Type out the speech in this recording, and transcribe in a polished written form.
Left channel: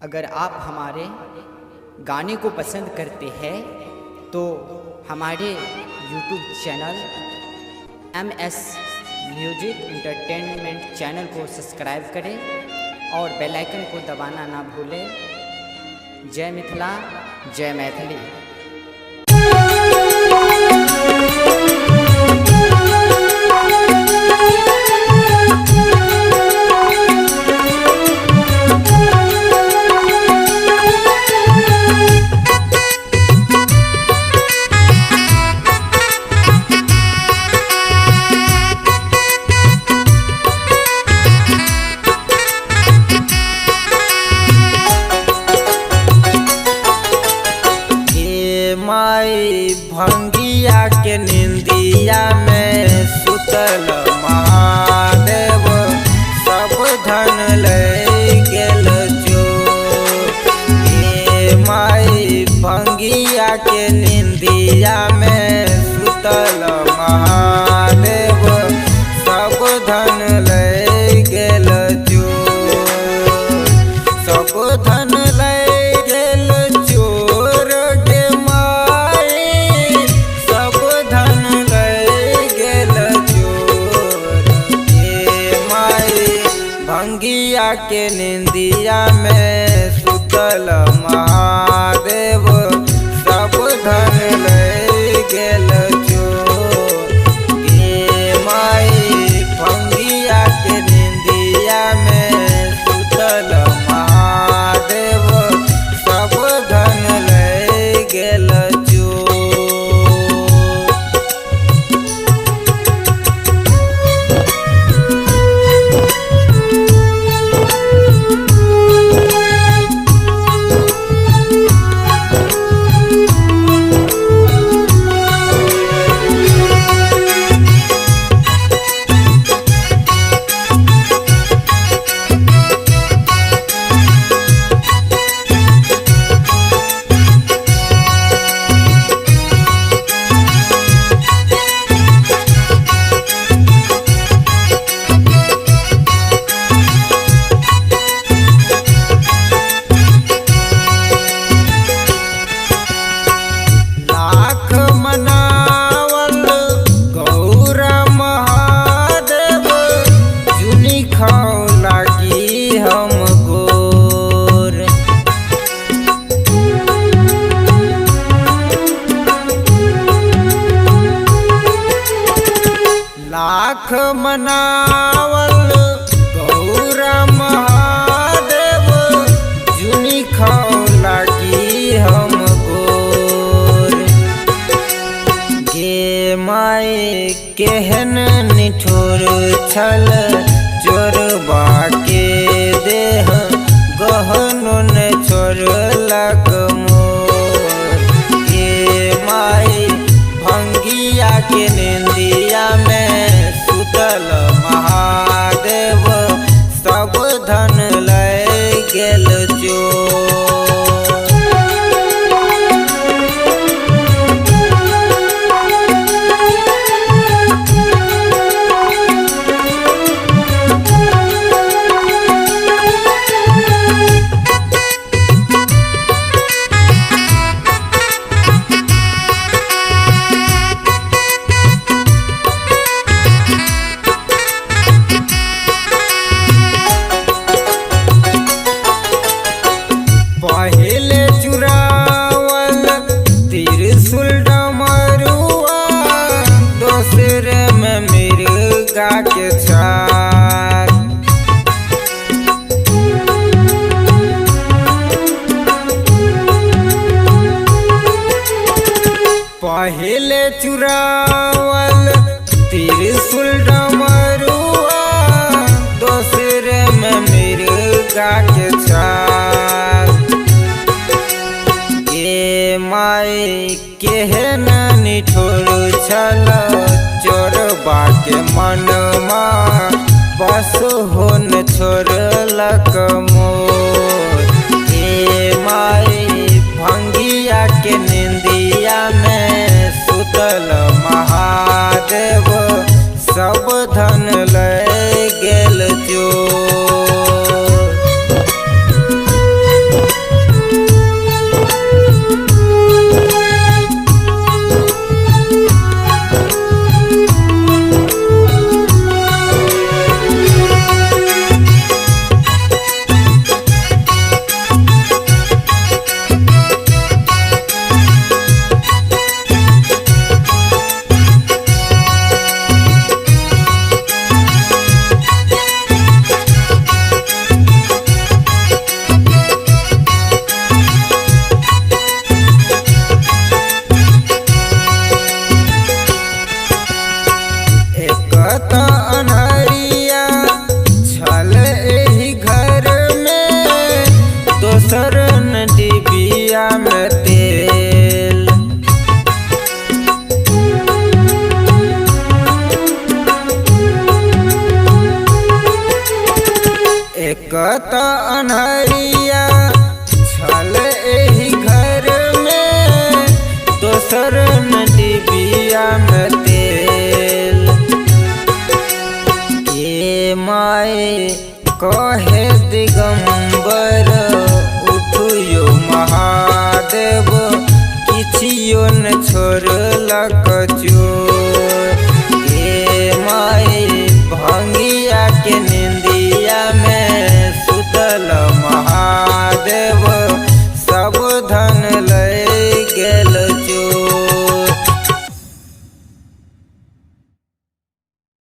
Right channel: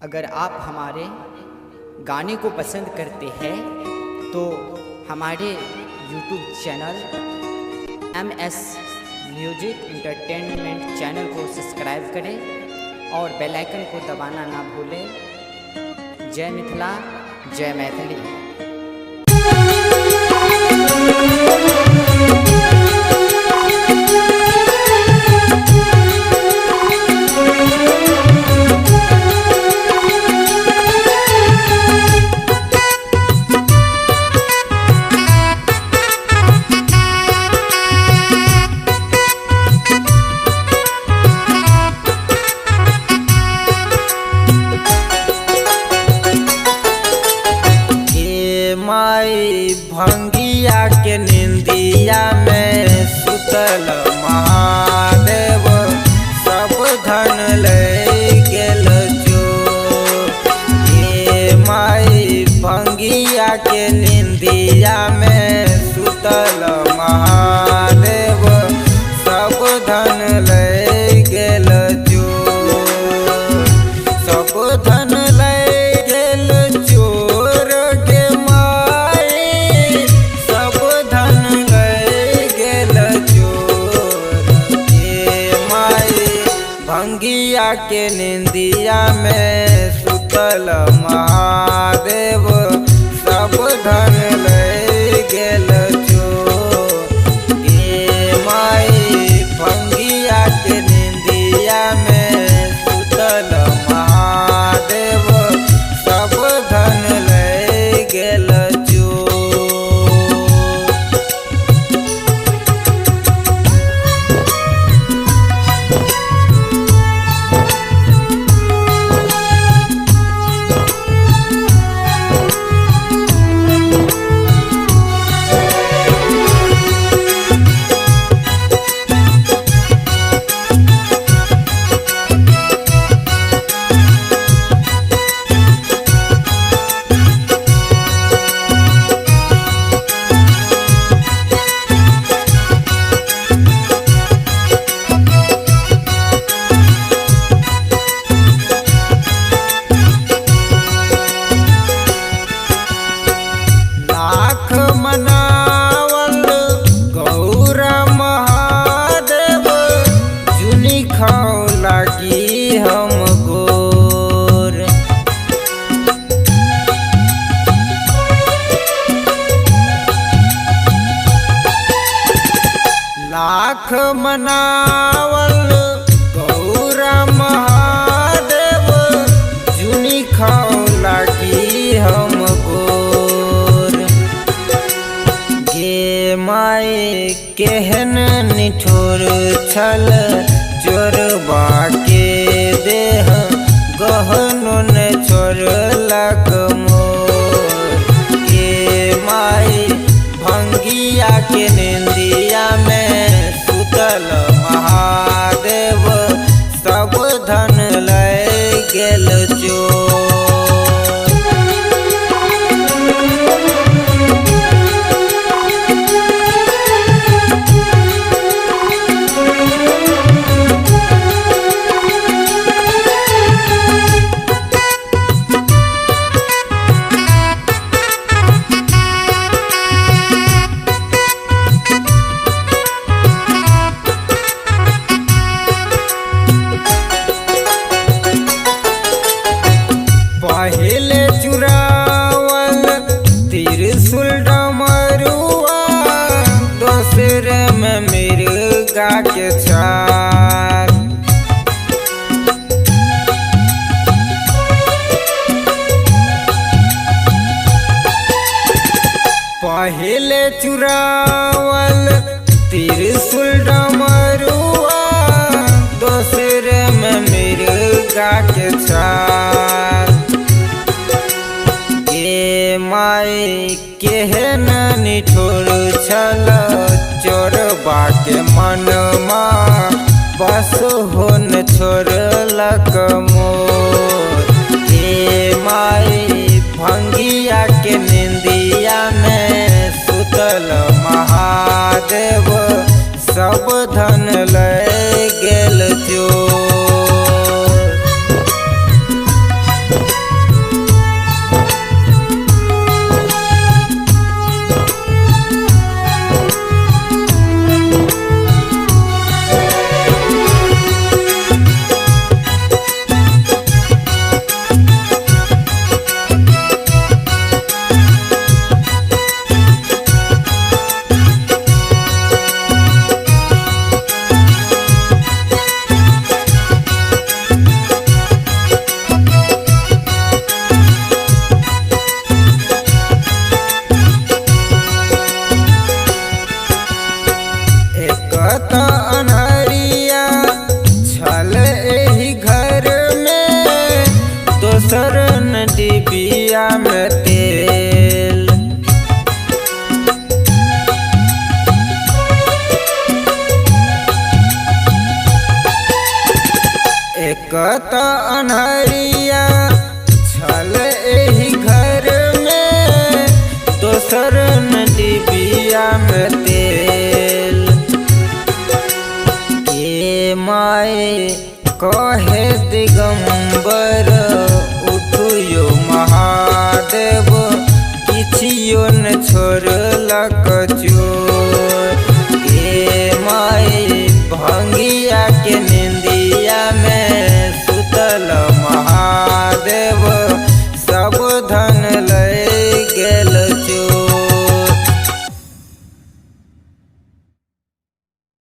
अगर आप हमारे गाने को पसंद करते हैं तो हमारे YouTube channel MS music entertainment channel को सब्सक्राइब करें और बेल आइकन को दबाना ना भूलें। जय मिथिला, जय मैथिली। माई भंगिया के निंदिया में सुतल महादेव सब धन ले गेल जो। माई भंगिया के निंदिया में सुतल महादेव सब धन ले गेल जो। सब धन ले गेल चोर के माई सब धन ले गेल चोर के माई भंगिया के निंदिया में सुतल महादेव सब धन ले गेल चोर के माई भंगिया के निंदिया में सुतल महादेव सब धन ले गेल चोर। लाख मनावल गौर महादेव जुनी खाओ लागी हम गोर। लाख मनावल गौर महादेव जुनी खाओ लागी हम गोर। गे माई केहन निठुर छल चोरबा के देह गहनो ने छोड़लक मोर। गे माई भंगिया के निंदिया में सुतल महादेव सब धन ले गेल चोर। पहले चुरावल त्रिशूल डमरुआ दोसरे में मिर्गा के छाल। पहले चुरावल त्रिशूल डमरुआ दोसरे में मिर्गा के छाल। गे माई केहन निठुर छल चोरबा के मनमा बस होन छोड़लक मोर। गे माई भंगिया के निंदिया में सुतल महादेव सब धन ले गेल चोर। दोसर न डिबिया में तेल। एक त अन्हरिया छल एही घर में, दोसर न डिबिया में तेल। ए माए कहे दिगंबर उठियो महादेव, किछियो न छोड़लक चोर। ए माए भंगिया के निंदिया में सुतल महादेव,